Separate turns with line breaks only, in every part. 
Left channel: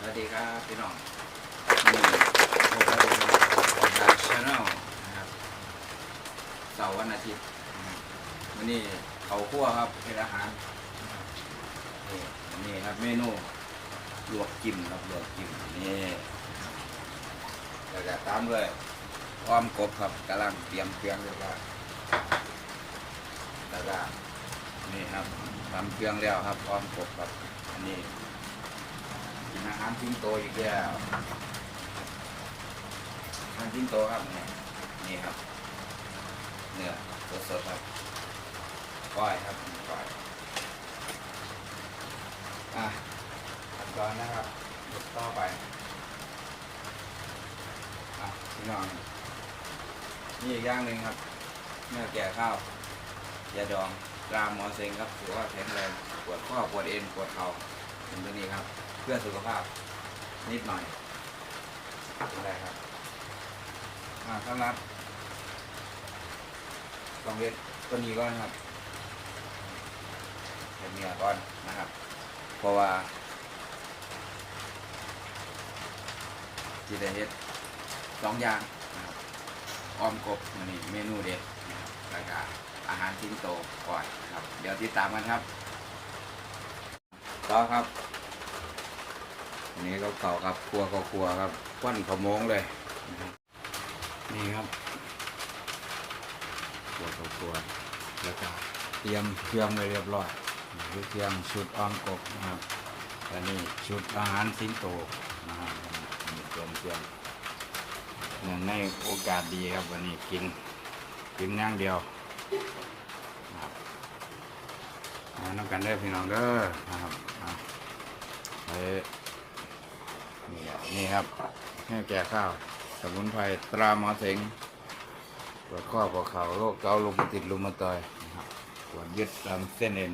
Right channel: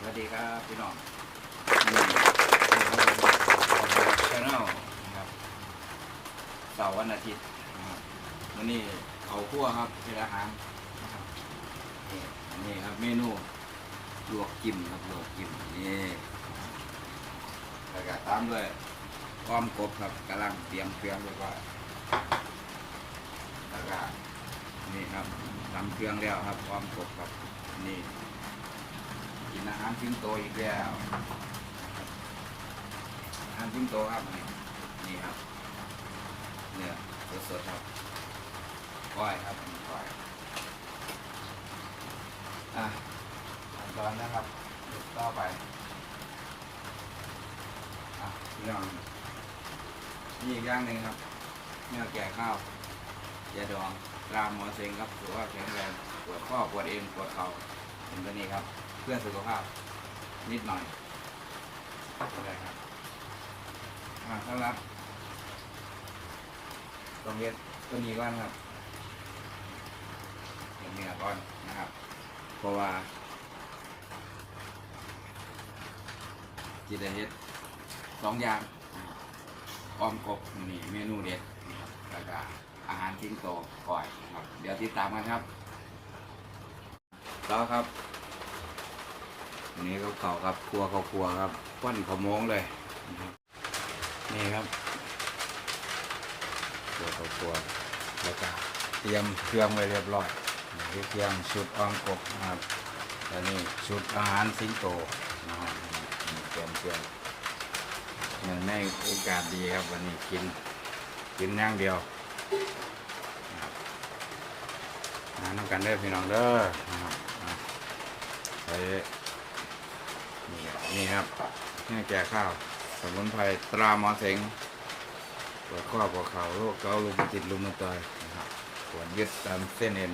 สวัสดีครับพี่น้องชาแนลนะครับเสาร์วันอาทิตย์วันนี้เขาคั่วครับเป็นอาหารนี่นี่ครับเมนูลวกจิ้มครับลวกจิ้มนี่แล้วก็ตามด้วยอ้อมกบครับกำลังเตรียมเครื่องเรียบร้อยแล้วก็นี่ครับทำเครื่องแล้วครับอ้อมกบครับอันนี้าหารทิ้งโตอีกแล้วอาหารทิ้งโตครับนี่นี่ครับ เนื้อสดๆครับก้อยครับก้อยอะขั้นตอนนะครับยกต่อไปอะพี่น้องนี่อีกอย่างหนึ่งครับเนื้อแก่ข้าวยาดองตรามหมอเซ็งครับถือว่าแข็งแรงปวดข้อปวดเอ็นปวดเข่า เป็นตัวนี้ครับ เพื่อสุขภาพนิดหน่อยอะไรครับอ่าสำหรับต้องเวทตัวนี้ก่อนครับเป็นเนื้อก่อนนะครับ เพราะว่าจีได้เฮ็ดสองอย่างนะครับอ้อมกบมันนี่เมนูเด็ดนะครับแล้วก็อาหารทิ้งโตก่อยนะครับ เดี๋ยวติดตามกันครับ ต่อครับนนี้ก็เก่าครับครัวเขาครัวครับควันขโมงเลยนี่ครับครัวเขาครัวแล้วก็เตรียมเครื่องไว้เรียบร้อยนี่เครื่องชุดอ้อมกบนะครับและนี่ชุดอาหารสิงโตนะครับนี่เตรียมเครื่องเนื่องในโอกาสดีครับวันนี้กินกินอย่างเดียวนะครับน้ำกันเด้อพี่น้องเด้อนะครับ อ่นี่ครับนี่ครับแม่แก่ข้าว สมุนไพรตราหมอเสงปวดข้อปวดเข่าโรคเกาต์ลมติดลุมมาตอยนะครับปวดยึดตามเส้นเอ็น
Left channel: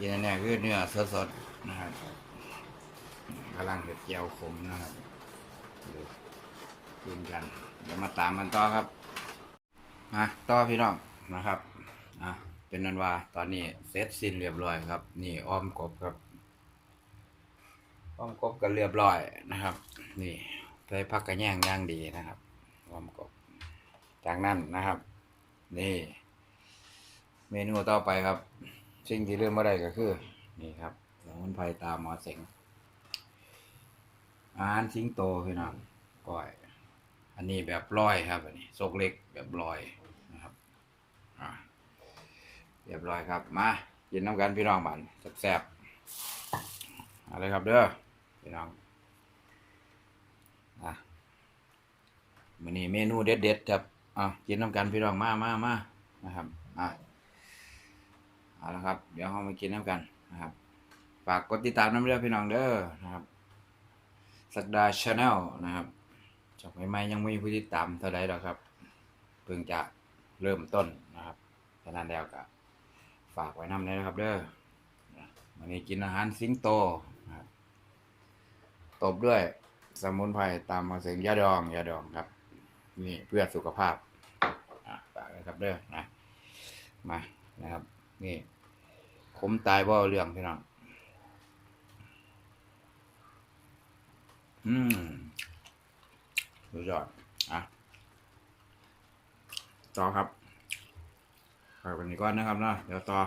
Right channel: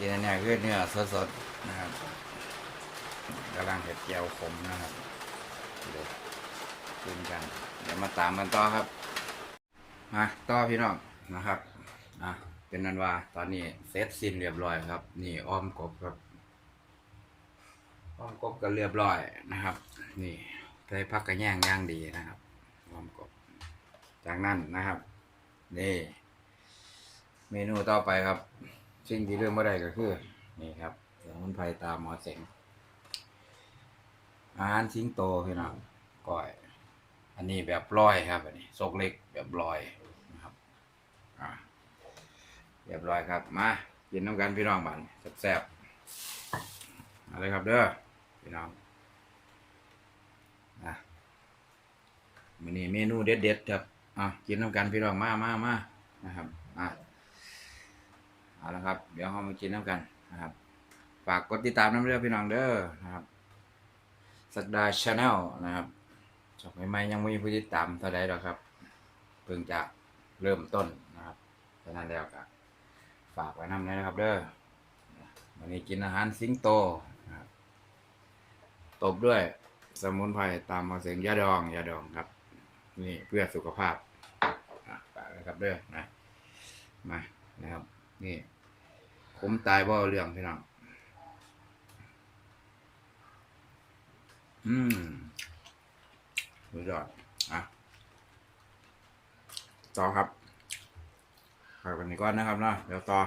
ยีนแน่คือเนื้อสดๆนะครับกำลังเห็ดเจียวขมนะครับเลยกินกัน เดี๋ยวมาตามกันต่อครับมาต่อพี่น้องนะครับอะเป็นนันวาตอนนี้เสร็จสิ้นเรียบร้อยครับ นี่อ้อมกบครับ อ้อมกบก็เรียบร้อยนะครับ นี่ใส่ผักกระแยงย่างดีนะครับอ้อมกบจากนั้นนะครับ นี่ เมนูต่อไปครับ สิ่งที่เรื่องไม่ได้ก็คือ นี่ครับสมุนไพรตามหมอเสงอาหารทิ้งโตพี่น้องก้อย อันนี้แบบลอยครับ อันนี้ซกเล็กแบบลอยนะครับอ่าเรียบร้อยครับ มากินน้ำกันพี่น้องบันแซ่บๆอาเลยครับเด้อ พี่น้องอะมื้อนี้เมนูเด็ดๆครับอะกินน้ำกันพี่น้องมามามานะครับอะเอาละครับ เดี๋ยวเรามากินน้ำกันนะครับฝากกดติดตามน้ำเด้อพี่น้องเด้อนะครับสักดาชาแนลนะครับจบใหม่ๆยังไม่มีผู้ติดตามเท่าใดหรอกครับ เพิ่งจะเริ่มต้นนะครับฉะนั้นแล้วก็ฝากไว้น้ำเลยนะครับ เด้อวันนี้กินอาหารสิงโต ตบด้วยสมุนไพรตามมาเสียงยาดองยาดองครับ นี่เพื่อสุขภาพอะฝากเลยครับเด้อนะมานะครับ นี่ขมตายบ่เอาเรื่องพี่น้องอืมสุดยอดอะต่อครับไปวันนี้ก่อนนะครับนาะเดี๋ยวต่อ